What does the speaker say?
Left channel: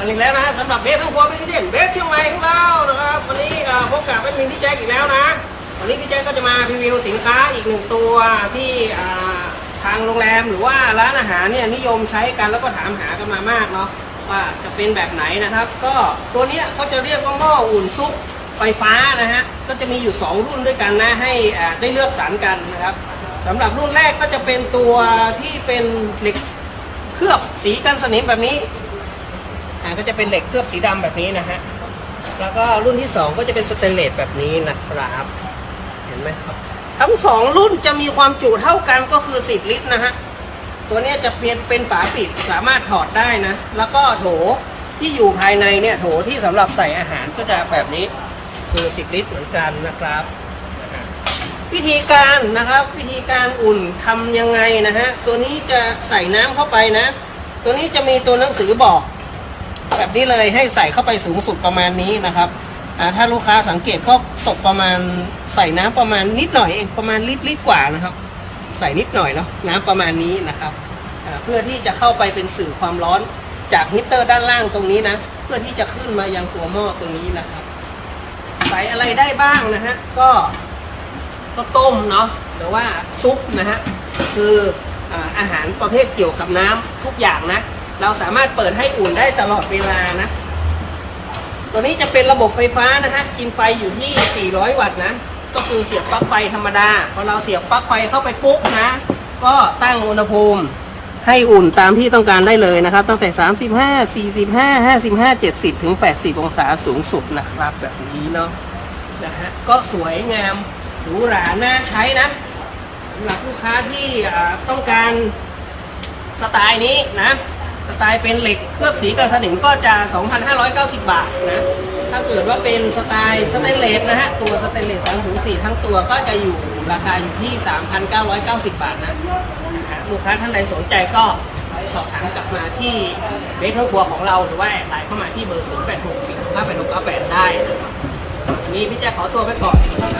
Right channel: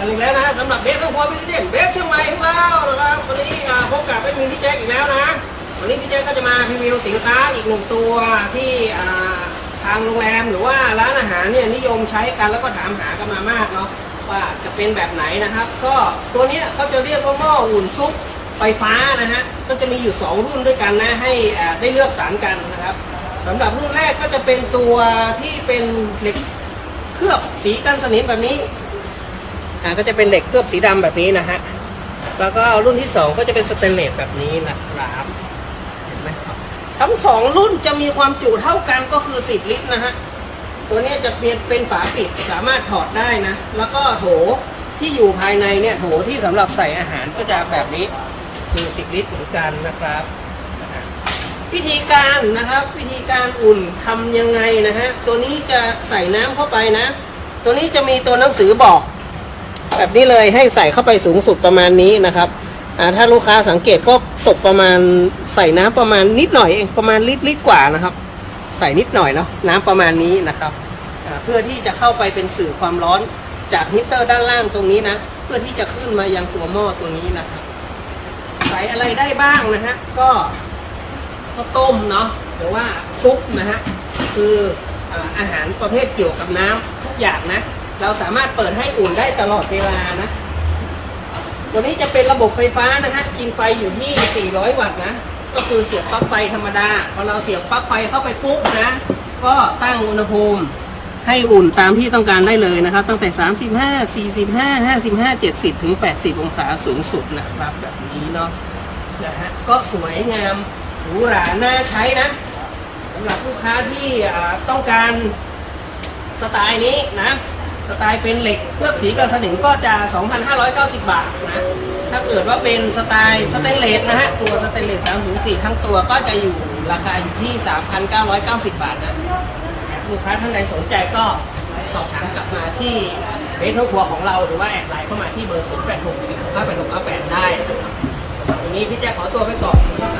อันนี้แล้วนะสำหรับเบสทั้งครัวเป็นเช่นเบสเชียงใหม่ของเรานะครับวันนี้พบกับเป็นมินพี่แจ๊คอีกแล้วนะ วันนี้พี่แจ๊คก็จะมาพรีวิวสินค้าอีกหนึ่งตัวที่ทางโรงแรมหรือว่าร้านอาหารเนี่ยนิยมใช้กันแล้วก็ถามหากันมามากเนาะว่าจะเป็นแบบไหนนะครับ ก็ตัวนี้เขาจะเรียกว่าหม้ออุ่นซุปไฟฟ้านะฮะก็จะมีอยู่ 2 รุ่นด้วยกันนะให้ได้เลือกสรรกันนะครับสำหรับรุ่นแรกก็จะเป็นตัวที่เป็นเหล็กเคลือบสีกันสนิมแบบนี้ อ่าก็จะเป็นเหล็กเคลือบสีดำแบบนี้นะฮะแล้วก็รุ่นที่สองก็จะเป็นสเตนเลสแบบนี้นะครับเห็นไหมครับ ทั้งสองรุ่นจะมีความจุเท่ากันก็คือ 10 ลิตรนะฮะตัวนี้จะเป็นเป็นฝาปิดสามารถถอดได้นะ แล้วก็โถที่อยู่ภายในเนี่ยโถที่สำหรับใส่อาหารก็จะแบบนี้คือ 10 ลิตรเหมือนกันนะครับนะฮะวิธีการนะครับวิธีการอุ่นทำยังไงนะฮะตัวนี้จะใส่น้ำเข้าไปนะ ตัวนี้จะมีตัวหนังสือบอก แบบนี้เลยให้ใส่เข้าไปสูงสุดประมาณนี้นะครับถ้าลูกค้าสังเกตก็ตกประมาณใส่น้ำประมาณนิดหน่อยเองประมาณลิตรลิตรกว่านะครับ ใส่นิดหน่อยเนาะน้ำประมาณนี้นะครับเพื่อที่จะเข้าไปเป็นสื่อความร้อนจากฮีตเตอร์ด้านล่างตรงนี้นะ เพื่อที่จะขึ้นมายังตัวหม้อตัวนี้นะครับ ใส่อะไรได้บ้างนะฮะก็ข้าวต้มเนาะหรือว่าซุปนะฮะคืออาอาหารประเภทเกี่ยวกับน้ำทุกอย่างนะ เราสามารถเปิดให้อุ่นได้ตลอดเวลานะ ตัวนี้จะเป็นระบบไฟฟ้านะฮะ กินไฟอยู่ที่ 400 วัตต์นะ ก็คือเสียบปลั๊กไฟธรรมดา พอเราเสียบปลั๊กไฟเข้าไปปุ๊บนะ ก็ตั้งอุณหภูมิให้อุ่นตามที่ต้องการได้เลยนะครับ ตั้งแต่ 35 45 55 70 ถึง 80 องศาสูงสุดนะครับแบบนี้เนาะนะฮะก็สวยงามหรูหราน่าใช้นะสำหรับลูกค้าที่ต้องการสไตล์นี้นะ สไตล์เป็นเหล็กเคลือบสีกับสนิมก็จะ 2,590 บาทนะ ถ้าเกิดว่าเป็นสไตล์สเตนเลสนะฮะ ตัวสเตนเลส304 ทั้งตัวก็จะอยู่ราคาอยู่ที่ 3,990 บาทนะนะฮะลูกค้าท่านใดสนใจก็สอบถามกลับมาที่เบสครัวของเราหรือว่าแอดไลน์เข้ามาที่เบอร์ 0864 2 5 8 6 9 8 ได้นะครับวันนี้พี่แจ๊คขอตัวไปก่อนสวัสดีครับ